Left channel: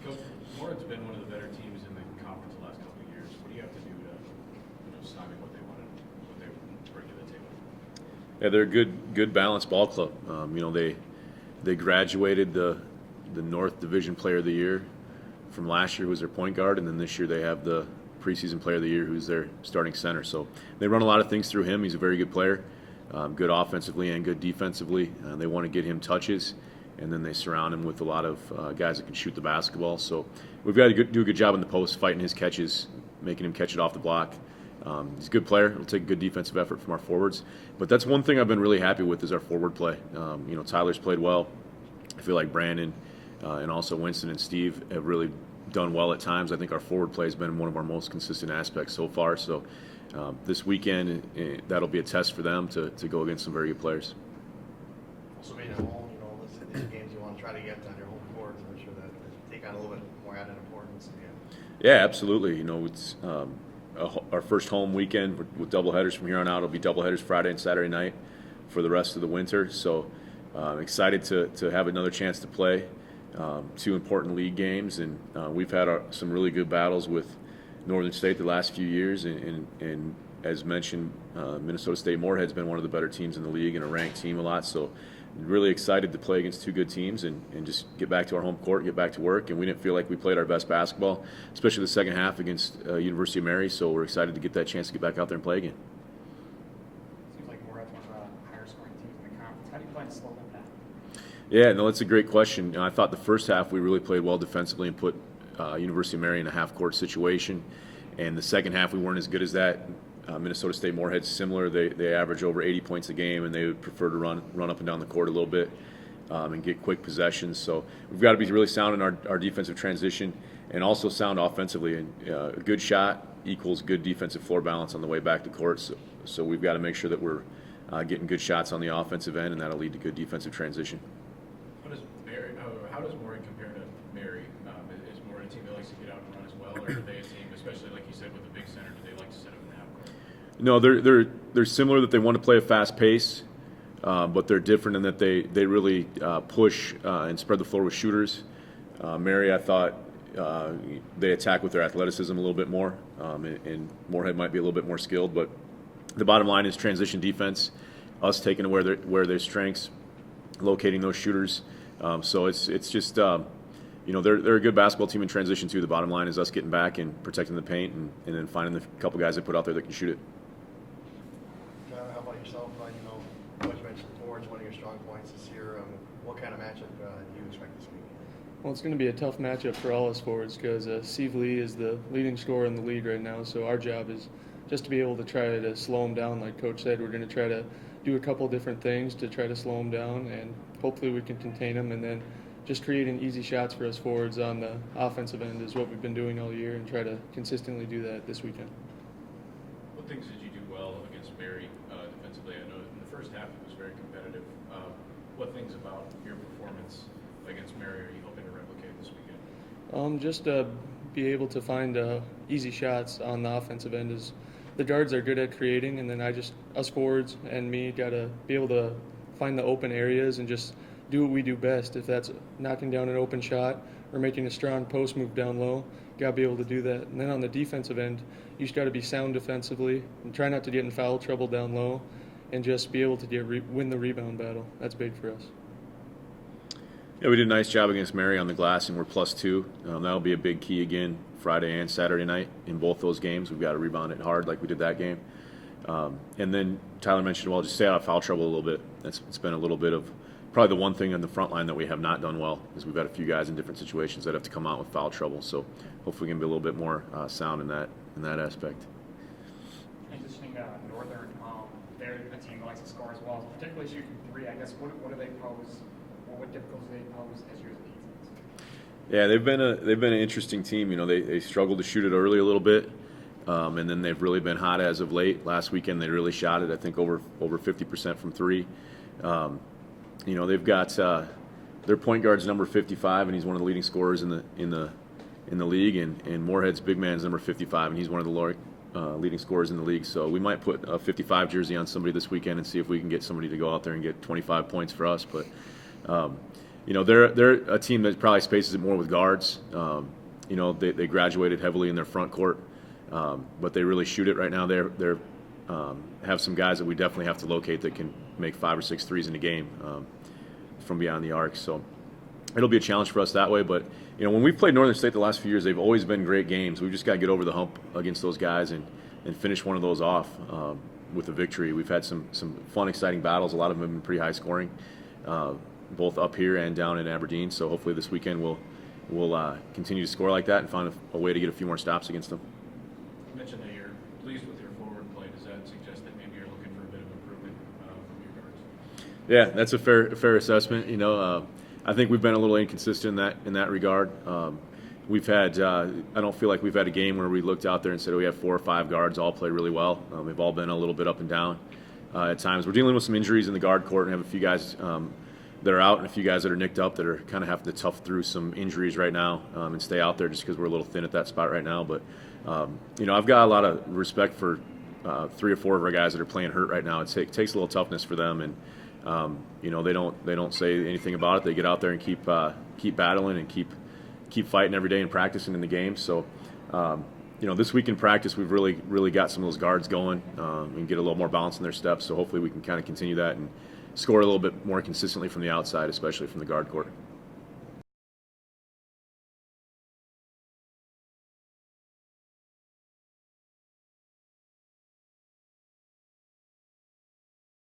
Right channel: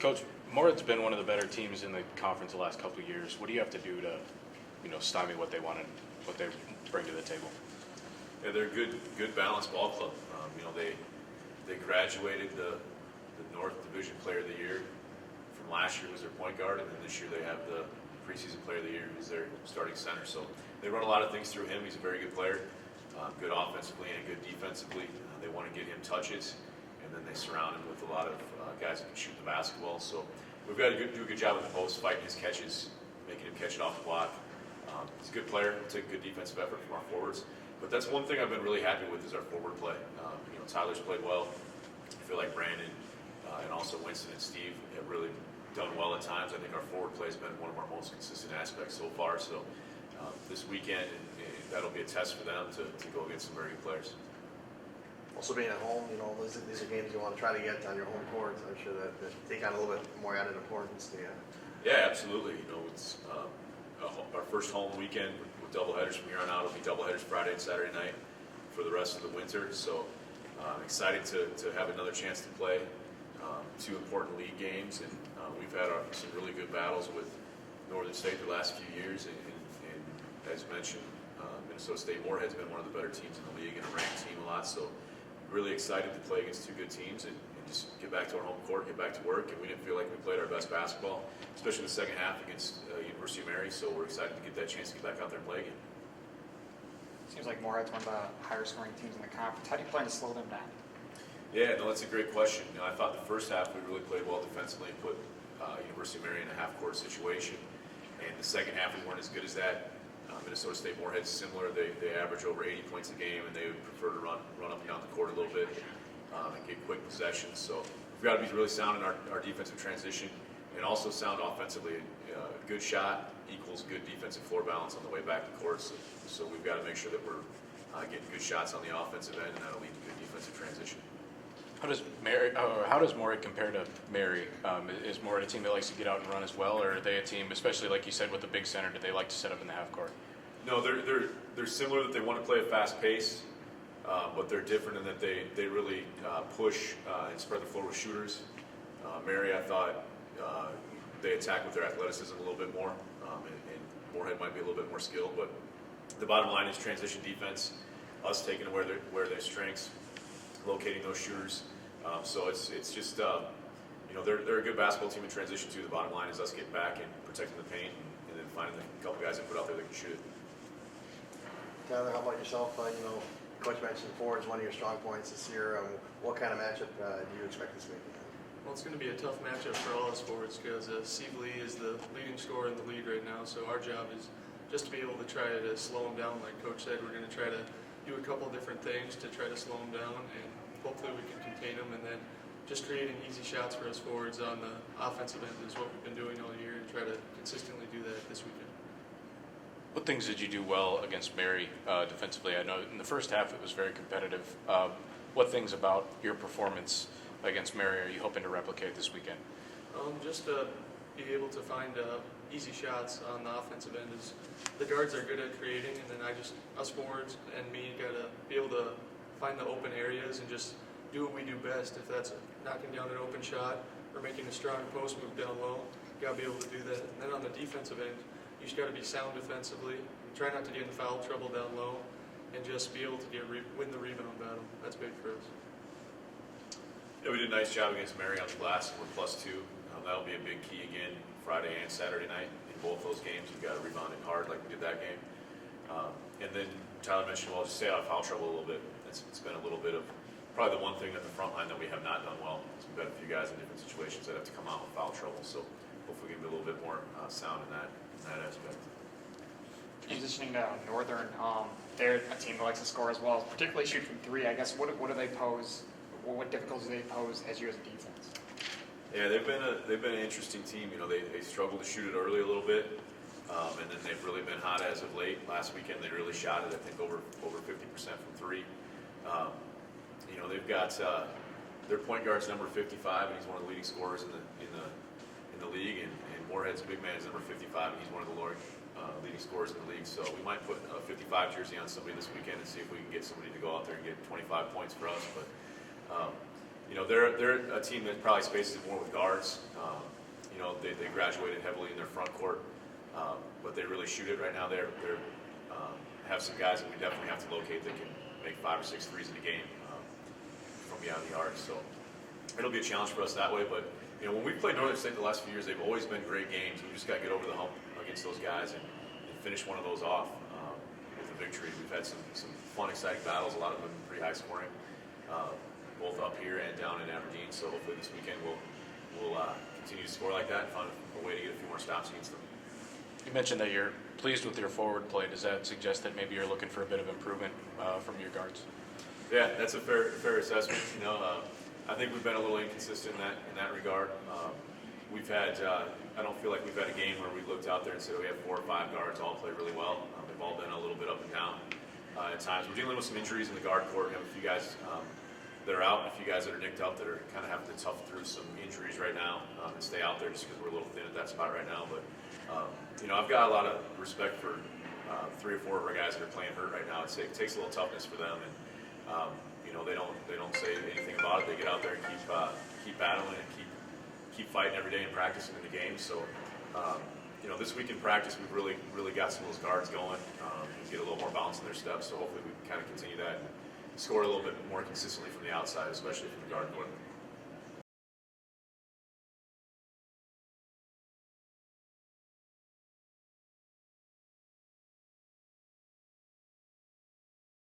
Coach, Morehead's been one of the better teams in the conference the last couple of years. What do you have to do to, stymie what they bring to the table? Yeah, they're a good balanced ball club. They graduated the North Division Player of the Year from last year, who was their point guard, and then this year they have the preseason Player of the Year, who's their starting center. So they run a lot of things through him. He's a very good player, good offensively and good defensively. They want to get him touches, and then they surround him with a lot of guys that can shoot the basketball. So we've got to do a good job in the post, fighting his catches, making him catch it off the block. He's a good player. It'll take a good defensive effort from our forwards. But that's one thing I've been really happy with is our forward play. Tyler's played well. I feel like Brandon and also Winston and Steve have really done well at times. I think our forward play has been one of our most consistent aspects so far. So this weekend, that'll be a test for them to go against some very good players. Also being at home, these are games you want to try to get on your home court. So I'm sure that take on a little bit more added importance to you. Yeah, absolutely. It's our first home weekend with doubleheaders from here on out. It'll be doubleheaders Friday and Saturday night for the rest of the winter. So excited to have another chance to play two important league games. And we've had some really good battles with Northern State the last few years. And as mentioned, Minnesota State Moorhead's been one of the better teams in the league and a ranked team a lot. So really excited to play against two good teams and just get back to our home court, get back to work. And we didn't feel like we played our best basketball, especially the second half against University of Mary. So we're excited to get that chance to get back out there and play again. Seems like Moorhead's one of the higher scoring teams in the conference. How do you plan to slow them down? Yeah, no, that's a great question. I thought the first half we really played well defensively and put University of Mary in a half-court situation. And the second half we weren't as good as that. Minnesota State Moorhead's similar. They average over 80 points a game, and they would prefer to run up and down the court a little bit and get quick possessions. So we've got to be really sound in our defensive transition and also sound offensively. And a good shot equals good defensive floor balance on the way back to court. So we've got to make sure that we're getting good shots on the offensive end, and that'll lead to good defensive transition. How does Moorhead compare to Mary? Is Moorhead a team that likes to get out and run as well, or are they a team, especially like you said with the big center, do they like to set up in the half court? No, they're similar that they want to play a fast pace, but they're different in that they really push and spread the floor with shooters. Mary, I thought they attack with their athleticism a little bit more, and Moorhead might be a little bit more skilled. But the bottom line is transition defense, us taking away their strengths, locating those shooters. So it's just they're a good basketball team in transition too. The bottom line is us getting back and protecting the paint and then finding the couple guys they put out there that can shoot it. Tyler, how about yourself? Coach mentioned forwards, one of your strong points this year. What kind of matchup do you expect this week? Well, it's going to be a tough matchup for all us forwards because Steve Lee is the leading scorer in the league right now. So our job is just to be able to try to slow him down. Like Coach said, we're going to try to do a couple different things to try to slow him down, and hopefully we can contain him. And then just creating easy shots for us forwards on the offensive end is what we've been doing all year, and try to consistently do that this weekend. What things did you do well against Mary defensively? I know in the first half it was very competitive. What things about your performance against Mary are you hoping to replicate this weekend? Just be able to find easy shots on the offensive end. Is the guards are good at creating, and then us forwards and me got to be able to find the open areas and just do what we do best. If that's knocking down an open shot or making a strong post move down low, got to be able to do that. And then on the defensive end, you just got to be sound defensively and try not to get in foul trouble down low, and just be able to win the rebound battle. That's big for us. Yeah, we did a nice job against Mary on the glass, and we're +2. That'll be a big key again Friday and Saturday night in both those games. We've got to rebound it hard like we did that game. And then Tyler mentioned, just stay out of foul trouble a little bit. It's been a little bit of probably the one thing on the front line that we have not done well, is we've got a few guys in different situations that have to come out with foul trouble. So hopefully we can be a little bit more sound in that aspect. Transitioning to Northern, they're a team that likes to score as well, particularly shoot from three. I guess what do they pose? What difficulties do they pose as you as a defense? Yeah, they've been an interesting team. They struggled to shoot it early a little bit, and then they've really been hot as of late. Last weekend they really shot it, I think over 50% from three. They've got their point guard's number 55, and he's one of the leading scorers in the league. And Moorhead's big man's number 55, and he's one of the leading scorers in the league. So we might put a 55 jersey on somebody this weekend and see if we can get somebody to go out there and get 25 points for us. But you know, they're a team that probably spaces it more with guards. You know, they graduated heavily in their front court, but they really shoot it right now. They're have some guys that we definitely have to locate that can make 5 or 6 threes in a game from beyond the arc. So it'll be a challenge for us that way. But you know, when we've played Northern State the last few years, they've always been great games. We've just got to get over the hump against those guys and finish one of those off with a victory. We've had some fun, exciting battles. A lot of them have been pretty high scoring, both up here and down in Aberdeen. So hopefully this weekend we'll continue to score like that and find a way to get a few more stops against them. You mentioned that you're pleased with your forward play. Does that suggest that maybe you're looking for a bit of improvement from your guards? Yeah, that's a fair assessment. You know, I think we've been a little inconsistent in that regard. We've had I don't feel like we've had a game where we looked out there and said, oh, we have 4 or 5 guards all play really well. We've all been a little bit up and down at times. We're dealing with some injuries in the guard court and have a few guys that are out and a few guys that are nicked up that are kind of having to tough through some injuries right now and stay out there just because we're a little thin at that spot right now. But you know, I've got a lot of respect for 3 or 4 of our guys that are playing hurt right now. It takes a little toughness for them, and you know, they don't say anything about it. They get out there and keep battling and keep fighting every day and practicing in the game. So you know, this week in practice, we've really got some of those guards going and get a little more balance in their steps. So hopefully we can kind of continue that and score a little bit more consistently from the outside, especially from the guard court.